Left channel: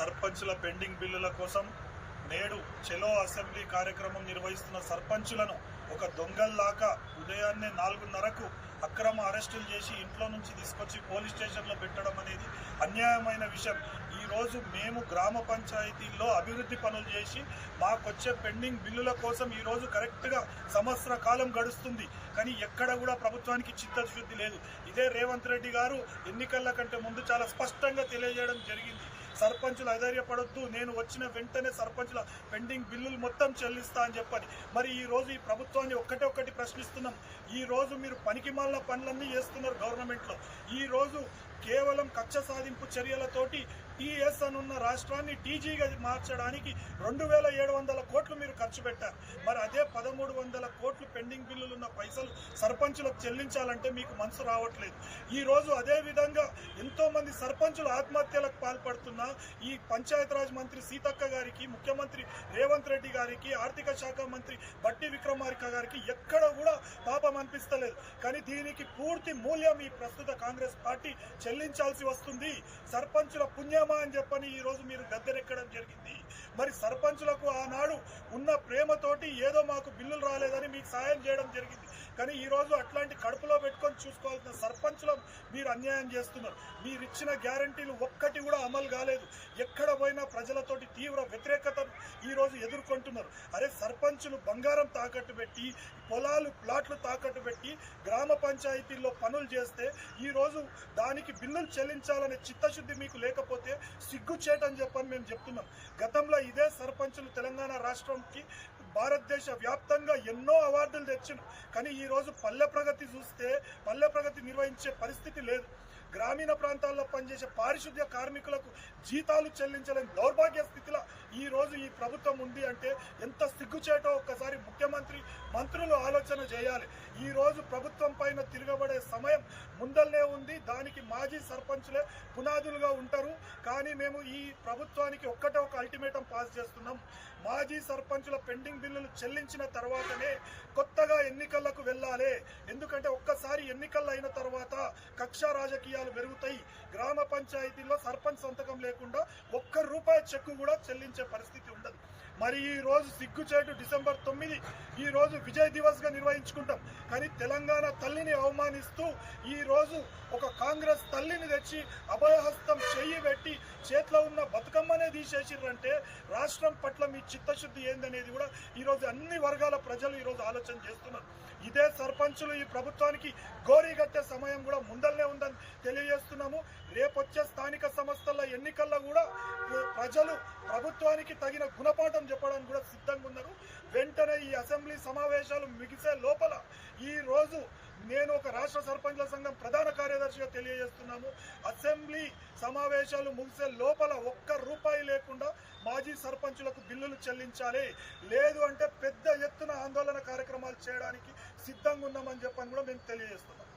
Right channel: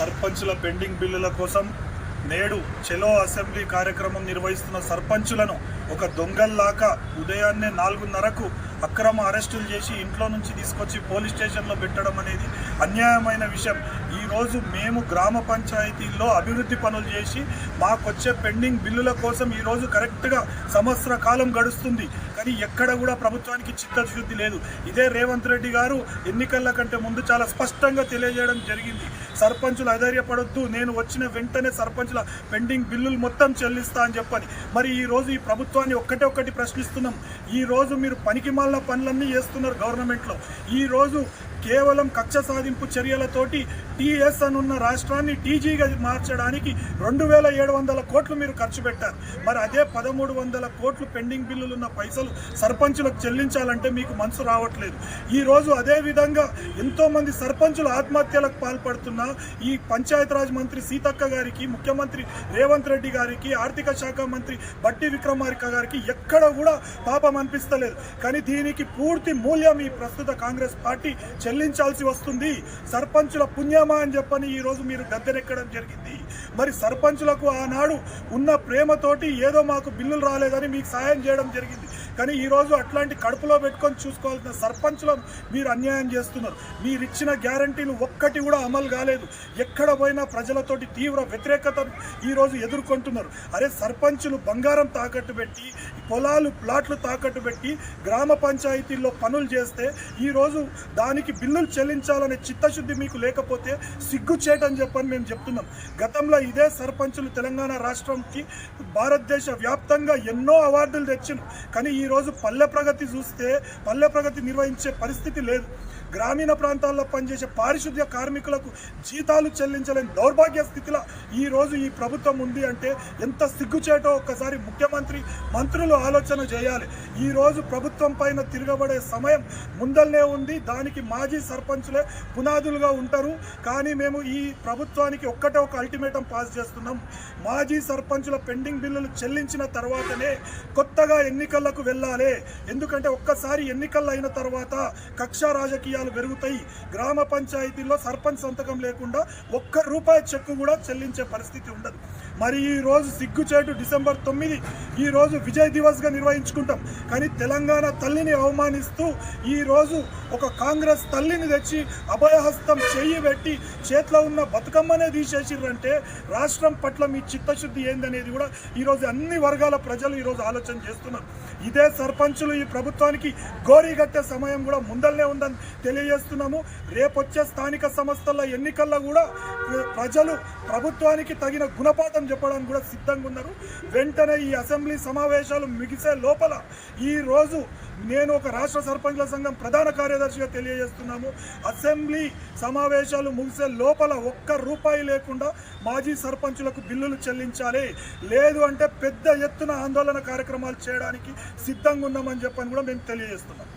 సర్పంచుల పెండింగ్ బిల్లుల కోసం నేడు చెలో అసెంబ్లీ కార్యక్రమం నిర్వహిస్తున్న సర్పంచులను ఒక దొంగల్లాగా ఉదయాన్నే 4:30కు అక్రమ అరెస్టులు చేసి ఇంట్లో నుంచి తీసుకొచ్చి పోలీస్ స్టేషన్లో పెట్టడం అనేది అన్యాయమైన విషయం. ఈరోజు మేము గ్రామ పంచాయతీల్లో అభివృద్ధి పనులు చేసి మాకొచ్చే పెండింగ్ బిల్లుల కోసం ఈరోజు కరెక్ట్గా సంవత్సర కాలం గడుస్తుంది, కానీ ఎక్కడ కూడా ప్రభుత్వానికి చిత్తశుద్ధి లేదు. ఇదే రేవంత్ రెడ్డి గారు ఎన్నికల కంటే ముందు చాలా స్పష్టంగా తెలియజేయడం జరిగింది, సర్పంచులు అధైర్యపడొద్దు, నేను వచ్చిన వెంటనే సర్పంచుల పెండింగ్ బిల్లులు మొత్తం చెల్లిస్తా అని చెప్పని. మరి ఈరోజు ఈ ప్రభుత్వాన్ని ఒక్కటి ప్రశ్నిస్తున్నాం. ఈరోజు మీరు పనికిమాలిన పనులన్నీ చేస్తున్నారు గవర్నమెంట్లో. ఈరోజు కేవలం కక్ష సాధింపు చర్యలతోటి టీఎస్ అనున్న రాష్ట్రాన్ని టీజీగా మార్చడానికి 2700 కోట్లు మీరు ఖర్చు పెట్టారు. మరి అదే 1300 కోట్లు పెండింగ్ బిల్లులు ఉన్న పైసలు సర్పంచులకు చెల్లించాలంటే మీకు మనసు రావట్లేదు. ఈరోజు అదేవిధంగా ఎంతోమంది సర్పంచులు ఆత్మహత్యలకు పాల్పడుతున్నా ఈ పంచాయతీరాజ్ మంత్రి సీతక్క గారికి, ముఖ్యమంత్రి రేవంత్ రెడ్డి గారికి, ఆర్థిక శాఖ మంత్రి బట్టి విక్రమార్క గారికి ఎక్కడ కూడా పాపం అనిపిస్తలేదు. కానీ దీనికి పూర్తి మూల్యం ఈ ప్రస్తుత కాంగ్రెస్ పార్టీ చెల్లించాల్సి వస్తుంది. సర్పంచుల పుణ్యమా అని చెప్పని ఈరోజు మీరు గద్దెనెక్కడం జరిగింది. మరి సర్పంచులకు ఆనాడు ఉన్న ప్రేమతోటి ఏదో మాకు బిల్లులు రాలేదని మీకు సాయం చేయడం జరిగింది, కానీ ఈరోజు అట్లాంటి కడుపులో పెట్టుకొని చూసుకోవాల్సిన సర్పంచులను మీరు అన్యాయం చేస్తున్నారు. మీరు ఇచ్చిన గ్యారంటీలు ఒక్కటి కూడా అమలు కాలేదు. ఎక్కడ పోయినా ప్రజలతోటి తీవ్ర వ్యతిరేకతను ఈరోజు ఎదుర్కొంటున్నారు. అరే సర్పంచులు బంగారం తాకట్టు పెట్టి, పొలాలు ప్లాట్లు తాకట్టు పెట్టి గ్రామ పంచాయతీల్లో పనులు చేస్తే ఈరోజు దానికి బిల్లులు చెల్లించాలనే చిత్తశుద్ధి మీకు లేకపోతే సిగ్గుచేటని చెప్పని మేము చెప్తున్నాం. గతంలో ఇదే సర్పంచులు తెలంగాణ రాష్ట్రంకి భారతదేశ వ్యాప్తంగా ఎన్నో అవార్డులు తెచ్చిండ్రు, కానీ ఈరోజు పల్లె ప్రగతి చూస్తే పల్లె ప్రగతి నిర్వహించే పరిస్థితి లేదు. గ్రామీణ ప్రాంతాల్లో పనిచేసే పారిశుద్ధ్య కార్మికులకు జీతాలు చెల్లించలేని దౌర్భాగ్య స్థితిలో ఈరోజు ఈ ప్రభుత్వం ఉంది అంటే ఎంత సిగ్గుచేటో ఒక్కసారి ముఖ్యమంత్రి, మంత్రులు ఆలోచన చేయాలి. ఈరోజు ప్రభుత్వం పైన తిరగబడే సమయం ముందల్నే ఉంది. దానికి మాజీ సర్పంచులే పునాదులుగా ఉంటారు. కానీ మేము ఈ ప్రభుత్వానికి ఒక అల్టిమేటం పాస్ చేస్తున్నాం. మాజీ సర్పంచుల పెండింగ్ బిల్లులు చెల్లించిన తర్వాతనే కొత్తగా ఎన్నికలకు వెళ్ళాలి. ఎందుకంటే ఒక్కసారి ఎన్నికలు అయిన తర్వాత కక్ష రాజకీయాలు పెరుగుతాయి. గ్రామ పంచాయతీల్లో సర్పంచ్ సంతకం లేకుండా ₹1 చెక్కు కూడా చెల్లించే పరిస్థితి ఉండదు. మరి ఈరోజు సిగ్గుచేటు డిసెంబర్ 9 ఈరోజు విజయ్ దివస్గా నిర్వహించుకుంటాం, కానీ తెలంగాణ తల్లిని అవమానిస్తూ ఈరోజు ఒక కాంగ్రెస్ తల్లిని తెచ్చి అభయహస్తం చెయ్యి పెట్టి చేతిలో ఉన్న బతుకమ్మనే తీసేసిర్రంటే రాష్ట్రం పట్ల మీ చిత్తశుద్ధి ఏందనేది కూడా ఈరోజు అన్ని వర్గాల ప్రజలు ఈరోజు ఆలోచన చేస్తున్నారు. ఇదే సర్పంచులు ఈ ప్రభుత్వానికి గోరీగట్టే సమయం కూడా ముందల్నే ఉందని తెలియజేస్తున్నాము. రేపొచ్చే స్థానిక సంస్థల ఎన్నికల్లో కూడా ప్రజలు ప్రభుత్వానికి తగిన గుణపాఠం చెప్పడానికి కూడా సిద్ధంగా ఉన్నారు. వెంటనే ఈ అసెంబ్లీ సమావేశాలు ముగిసే లోపల ఈరోజు నేను ఒక రాష్ట్ర సర్పంచ్ల సంఘం ప్రధాన కార్యదర్శిగా తెలియజేస్తున్నాము, అసెంబ్లీ సమావేశాలు ముగిసే లోపల ₹1 లేకుండా మాజీ సర్పంచులకు బిల్లులు చెల్లించాలి. లేదు అంటే పెద్ద ఎత్తున ఆందోళన కార్యక్రమాలు చేయడానికి సిద్ధంగా ఉన్నామని చెప్పని కూడా మేము తెలియజేస్తున్నాం.